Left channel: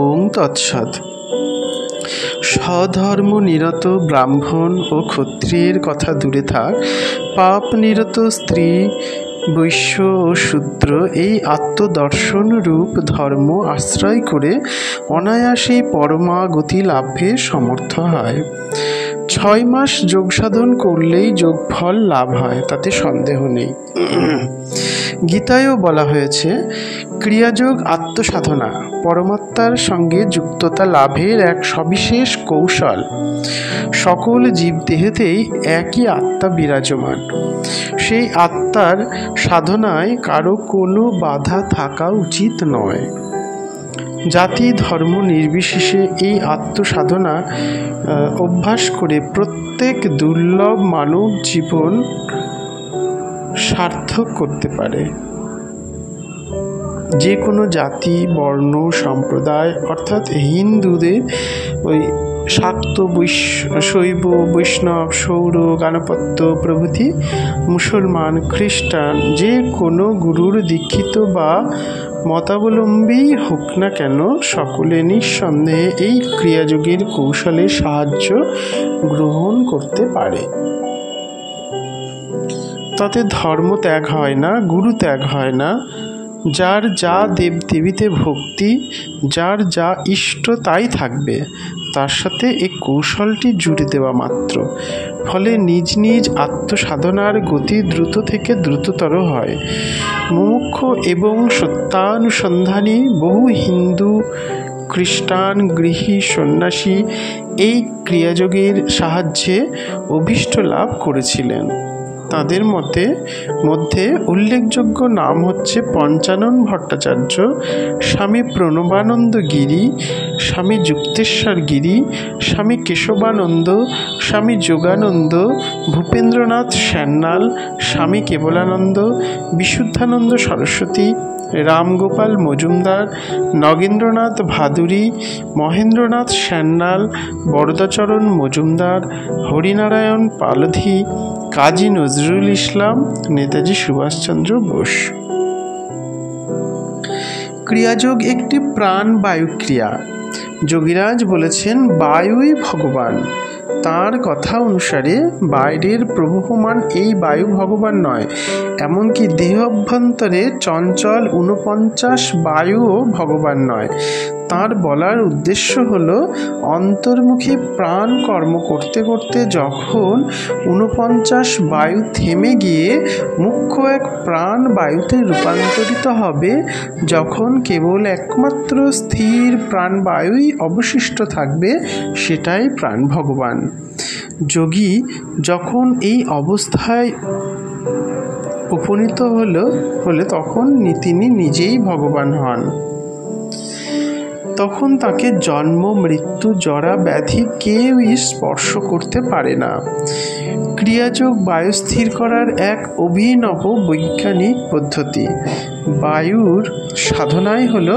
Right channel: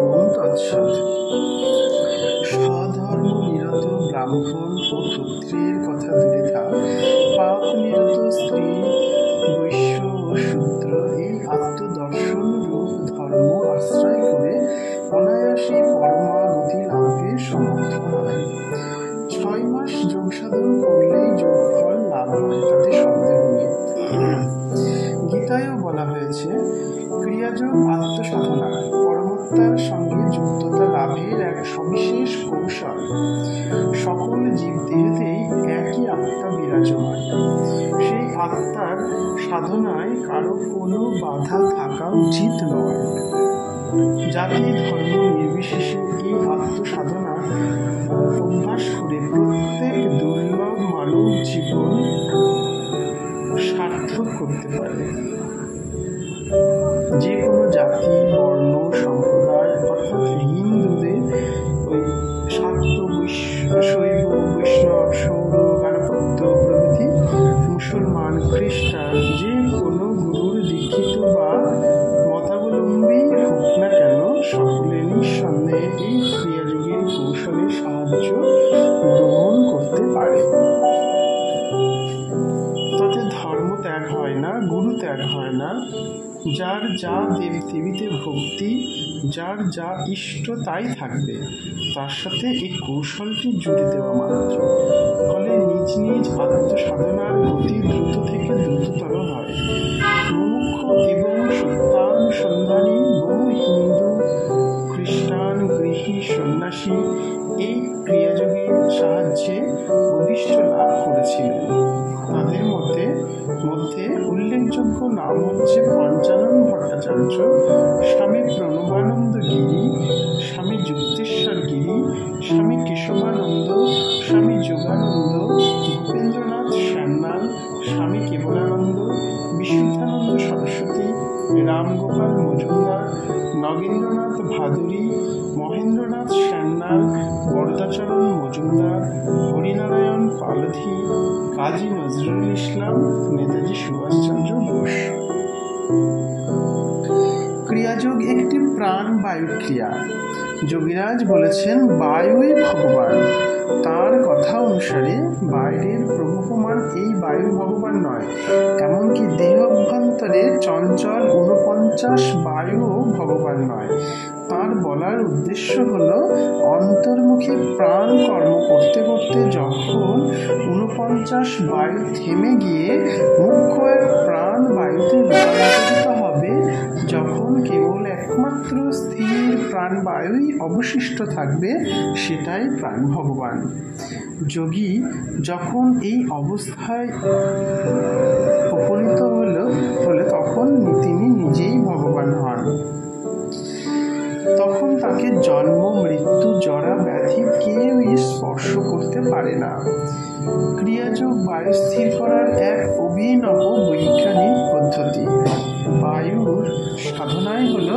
ওং তৎসৎ। স্বধর্ম নিরত ব্রাহ্মণ ও ক্ষত্রিয়ের কথা দূরে থাক, পাপ নিরত স্ত্রী, বৈশ্য ও শূদ্র এই আত্মদর্শন রূপ ধর্ম আশ্রয় করে অনায়াসেই পরমাগতি লাভে সমর্থ হয়। 6 মাস যোগ সাধন করলেই যোগফল লাভ হয়, তাতে সন্দেহ নেই। গীতায়ও বলা হয়েছে, ক্রিয়াযোগ আত্মসাধনা পরমাত্মার সঙ্গে যুক্ততা লাভের এক সবিশেষ কৌশল। সকল জীবদেহেতেই একই আত্মা বিরাজমান। সেই আত্মার সাধনায় কারো কোনো বাধা থাকা উচিত নয়। জাতি ধর্ম নির্বিশেষে এই আত্মসাধনা অভ্যাস করে প্রত্যেক দুর্লভ মানব জীবন সার্থক করতে পারে। যে কোনো জাতি, বর্ণ, সম্প্রদায়, অর্থাৎ হিন্দুদের ওই শাক্ত, শৈব, বৈষ্ণব, সৌর, গাণপত্য প্রভৃতি, মুসলমান, খ্রিস্টান, যে কোনো গুরুর দীক্ষিত বা মতাবলম্বী হোক না কেন, সকলে নিঃসন্দেহে এই ক্রিয়াযোগের কৌশলের সাহায্য গ্রহণ করতে পারে। তাতে ধর্ম ত্যাগ হয় না, গুরু ত্যাগ হয় না। যার যা দেবদেবীতে ভক্তি, যার যা ইষ্ট তাই থাকবে, তার সাথে এই কৌশলটি জুড়ে দেওয়া মাত্র। ফলে নিজ নিজ আত্মসাধনার গতি দ্রুত থেকে দ্রুততর হয়। মুমুক্ষ এবং সত্যানুসন্ধানী বহু হিন্দু, খ্রিস্টান, গৃহী, সন্ন্যাসী এই ক্রিয়াযোগের সাহায্যে অভীষ্ট লাভ করেছিলেন। তাদের মধ্যে উল্লেখযোগ্য নাম হচ্ছে পঞ্চানন ভট্টাচার্য, স্বামী প্রণবানন্দ গিরি, স্বামী যুক্তেশ্বর গিরি, স্বামী কেশবানন্দ, স্বামী যোগানন্দ, ভূপেন্দ্রনাথ সান্যাল, স্বামী কেবলানন্দ, বিশুদ্ধানন্দ সরস্বতী, রামগোপাল মজুমদার, নগেন্দ্রনাথ ভাদুরী, মহেন্দ্রনাথ সান্যাল, বরদাচরণ মজুমদার, হরিনারায়ণ পালধি, কাজী নজরুল ইসলাম, নেতাজি সুভাষচন্দ্র বোস। ক্রিয়াযোগ একটি প্রাণবায়ু ক্রিয়া। যোগীরাজ বলেছেন, বায়ুই ভগবান। তাঁর কথা অনুসারে বাইরের প্রবহমান এই বায়ু ভগবান নয়, এমনকি দেহ অভ্যন্তরে চঞ্চল 49 বায়ুও ভগবান নয়। তাঁর বলার উদ্দেশ্য হলো, অন্তর্মুখী প্রাণ কর্ম করতে করতে যখন 49 বায়ু থেমে গিয়ে মুখ্য এক প্রাণ বায়ুতে রূপান্তরিত হবে, যখন কেবল একমাত্র স্থির প্রাণ বায়ুই অবশিষ্ট থাকবে, সেটাই প্রাণ ভগবান। যোগী যখন এই অবস্থায় উপনীত হলে তখন তিনি নিজেই ভগবান হন। তখন তাকে জন্ম, মৃত্যু, জরা, ব্যাধি কেউই স্পর্শ করতে পারে না। ক্রিয়াযোগ বায়ু স্থির করার এক অভিনব বৈজ্ঞানিক পদ্ধতি। বায়ুর সাধনাই হল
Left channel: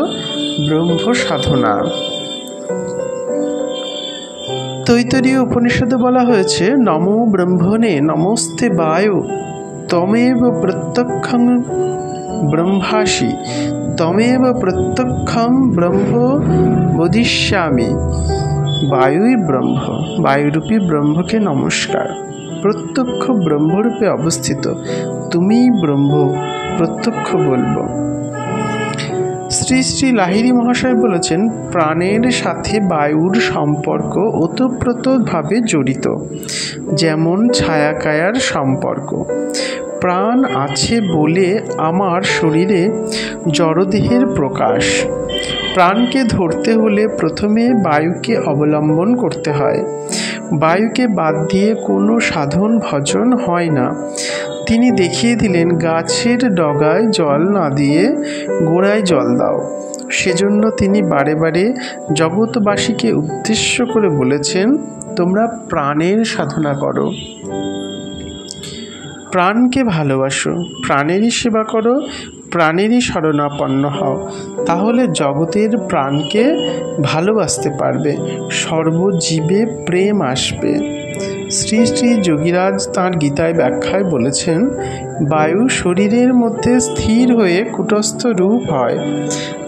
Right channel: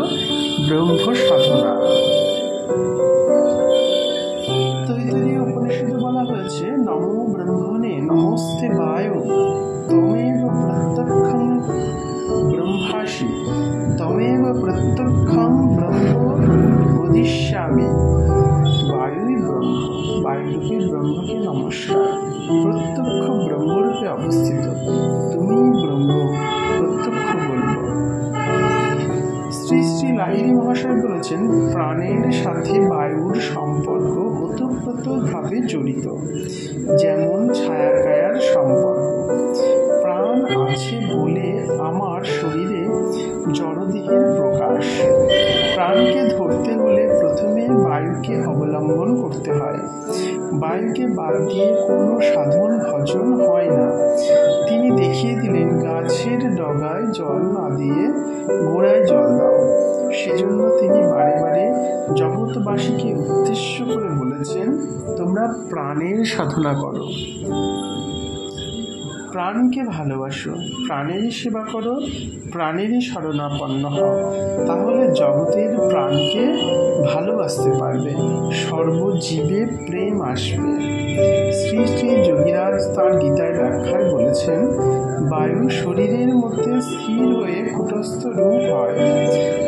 ব্রহ্ম সাধনা। তৈতরীয় উপনিষদে বলা হয়েছে, নমো ব্রহ্মণে নমস্তে বায়ু, তমেব প্রত্যক্ষং ব্রহ্মাসি, তমেব প্রত্যক্ষং ব্রহ্ম বদিষ্যামি। বায়ুই ব্রহ্ম, বায়ুরূপী ব্রহ্মকে নমস্কার। প্রত্যক্ষ ব্রহ্মরূপে অবস্থিত, তুমিই ব্রহ্ম, প্রত্যক্ষ বলব। শ্রী শ্রী লাহিড়ী মহাশয় বলেছেন, প্রাণের সাথে বায়ুর সম্পর্ক ওতপ্রোতভাবে জড়িত, যেমন ছায়াকায়ার সম্পর্ক। প্রাণ আছে বলে আমার শরীরে জড়দেহের প্রকাশ। প্রাণকে ধরতে হলে প্রথমে বায়ুকে অবলম্বন করতে হয়। বায়ুকে বাদ দিয়ে কোনো সাধন ভজন হয় না। তিনি দেখিয়ে দিলেন, গাছের ডগায় জল না দিয়ে গোড়ায় জল দাও। সেজন্য তিনি বারে বারে জগৎবাসীকে উদ্দেশ্য করে বলেছেন, তোমরা প্রাণের সাধনা করো, প্রাণকে ভালোবাসো, প্রাণেরই সেবা করো, প্রাণেরই শরণাপন্ন হও, তাহলে জগতের প্রাণকে ভালোবাসতে পারবে, সর্বজীবে প্রেম আসবে। শ্রী শ্রী যোগীরাজ তাঁর গীতায় ব্যাখ্যায় বলেছেন, বায়ু শরীরের মধ্যে স্থির হয়ে কূটস্থ রূপ হয়।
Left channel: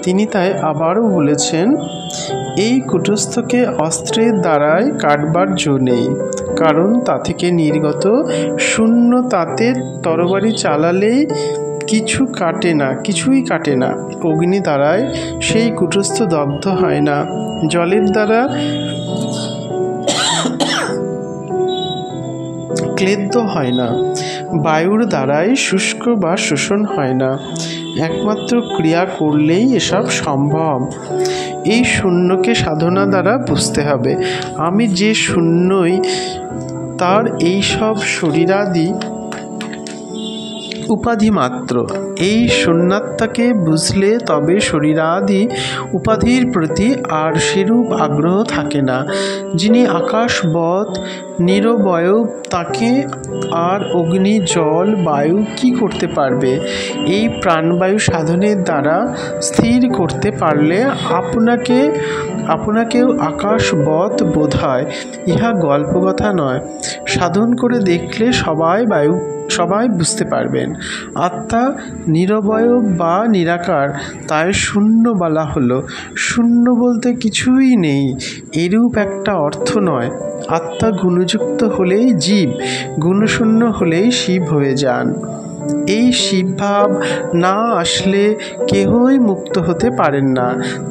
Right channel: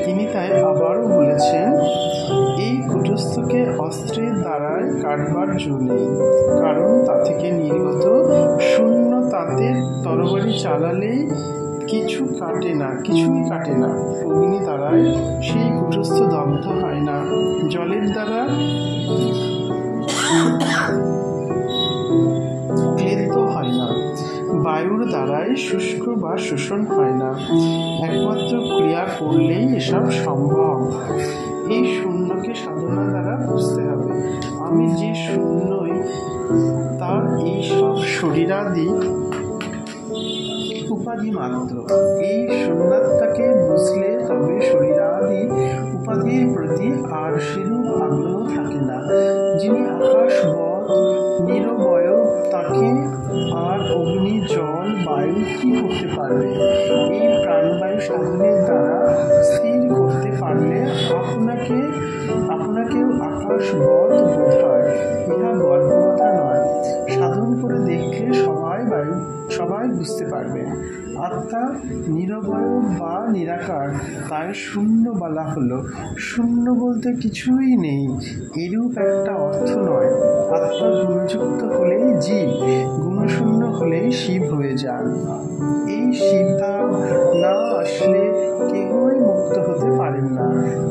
তিনি তাই আবারও বলেছেন, এই কূটস্থকে অস্ত্রের দ্বারাই কাটবার জো নেই, কারণ তা থেকে নির্গত শূন্য তাতের তরবারি চালালেই কিছুই কাটে না। অগ্নি দ্বারায় সেই কূটস্থ দগ্ধ হয় না, জলের দ্বারা ক্লেদ্য হয় না, বায়ুর দ্বারাই শুষ্ক বা শোষণ হয় না। একমাত্র ক্রিয়া করলেই এসব সম্ভব। এই শূন্যকে সাধনা দ্বারা বুঝতে হবে। আমি যে শূন্যই, তার এই সব শরীরাদি উপাধি মাত্র। এই শূন্যাত্মাকে বুঝলে তবে শরীরাদি উপাধির প্রতি আর সেরূপ আগ্রহ থাকে না। যিনি আকাশবৎ নিরবয়ব, তাকে আর অগ্নি, জল, বায়ু কি করতে পারবে? এই প্রাণবায়ু সাধনের দ্বারা স্থির করতে পারলে আপনাকেও আকাশবৎ বোধ হয়। ইহা গল্পকথা নয়, সাধন করে দেখলে সবাই বুঝতে পারবেন। আত্মা নিরবয়ব বা নিরাকার, তাই শূন্য বলা হলো। শূন্য বলতে কিছুই নেই, এরূপ একটা অর্থ নয়। আত্মা গুণযুক্ত হলেই জীব, গুণশূন্য হলেই শিব হয়ে যান। এই শিবভাব না আসলে কেহই মুক্ত হতে পারেন না।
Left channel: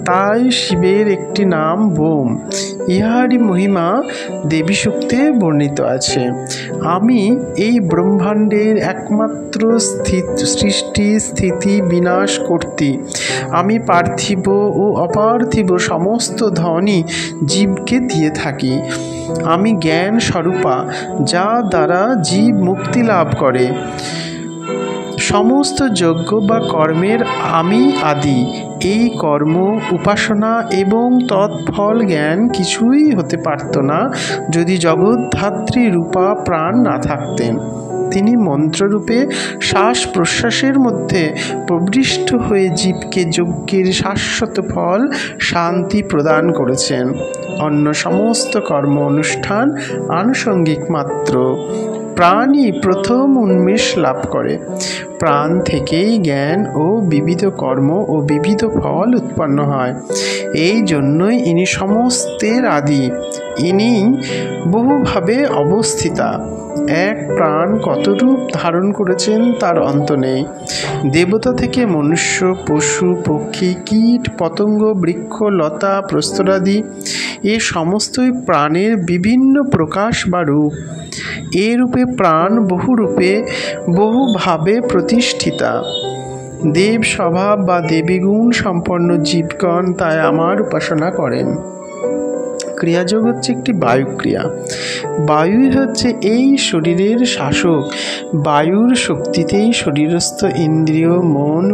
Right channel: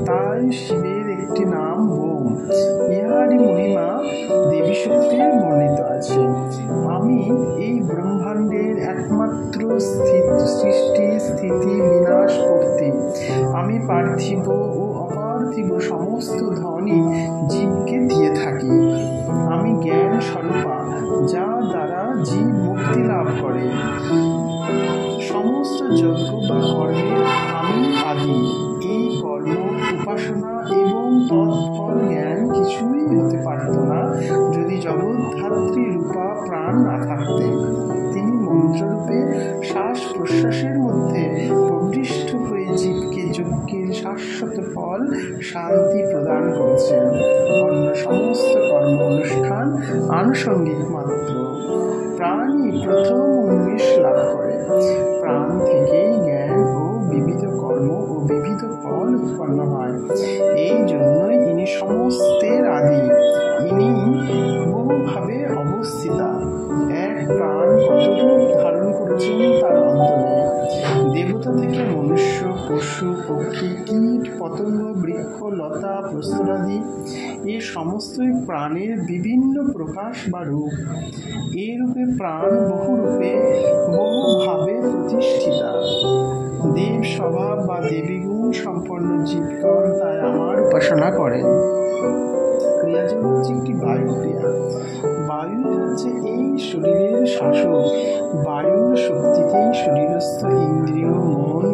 তাই শিবের একটি নাম বোম। ইহারই মহিমা দেবী সূক্তে বর্ণিত আছে। আমি এই ব্রহ্মাণ্ডের একমাত্র সৃষ্টি, স্থিতি, বিনাশ কর্ত্রী। আমি পার্থিব ও অপার্থিব সমস্ত ধনই জীবকে দিয়ে থাকি। আমি জ্ঞান স্বরূপা, যা দ্বারা জীব মুক্তি লাভ করে। সমস্ত যজ্ঞ বা কর্মের আমি আদি। এই কর্ম, উপাসনা এবং তৎফল জ্ঞান কিছুই হতে পারত না যদি জগদ্ধাত্রী রূপা প্রাণ না থাকতেন। তিনি মন্ত্ররূপে শ্বাস প্রশ্বাসের মধ্যে প্রবিষ্ট হয়ে জীবকে যজ্ঞের শাশ্বত ফল শান্তি প্রদান করেছেন। অন্য সমস্ত কর্ম অনুষ্ঠান আনুষঙ্গিক মাত্র। প্রাণই প্রথম উন্মেষ লাভ করে। প্রাণ থেকেই জ্ঞান ও বিবিধ কর্ম ও বিবিধ ফল উৎপন্ন হয়। এই জন্যই ইনি সমস্তের আদি। ইনি বহুভাবে অবস্থিতা। এক প্রাণ কত রূপ ধারণ করেছেন তার অন্ত নেই। দেবতা থেকে মনুষ্য, পশু, পক্ষী, কীট, পতঙ্গ, বৃক্ষ, লতা, প্রস্তরাদি, এ সমস্তই প্রাণের বিভিন্ন প্রকাশ বা রূপ। এ রূপে প্রাণ বহুরূপে বহুভাবে প্রতিষ্ঠিতা। দেব স্বভাব বা দেবীগুণ সম্পন্ন জীবগণ তাই আমার উপাসনা করেন। ক্রিয়াযোগ হচ্ছে একটি বায়ুক্রিয়া। বায়ুই হচ্ছে এই শরীরের শাসক। বায়ুর শক্তিতেই শরীরস্থ ইন্দ্রিয়, মন,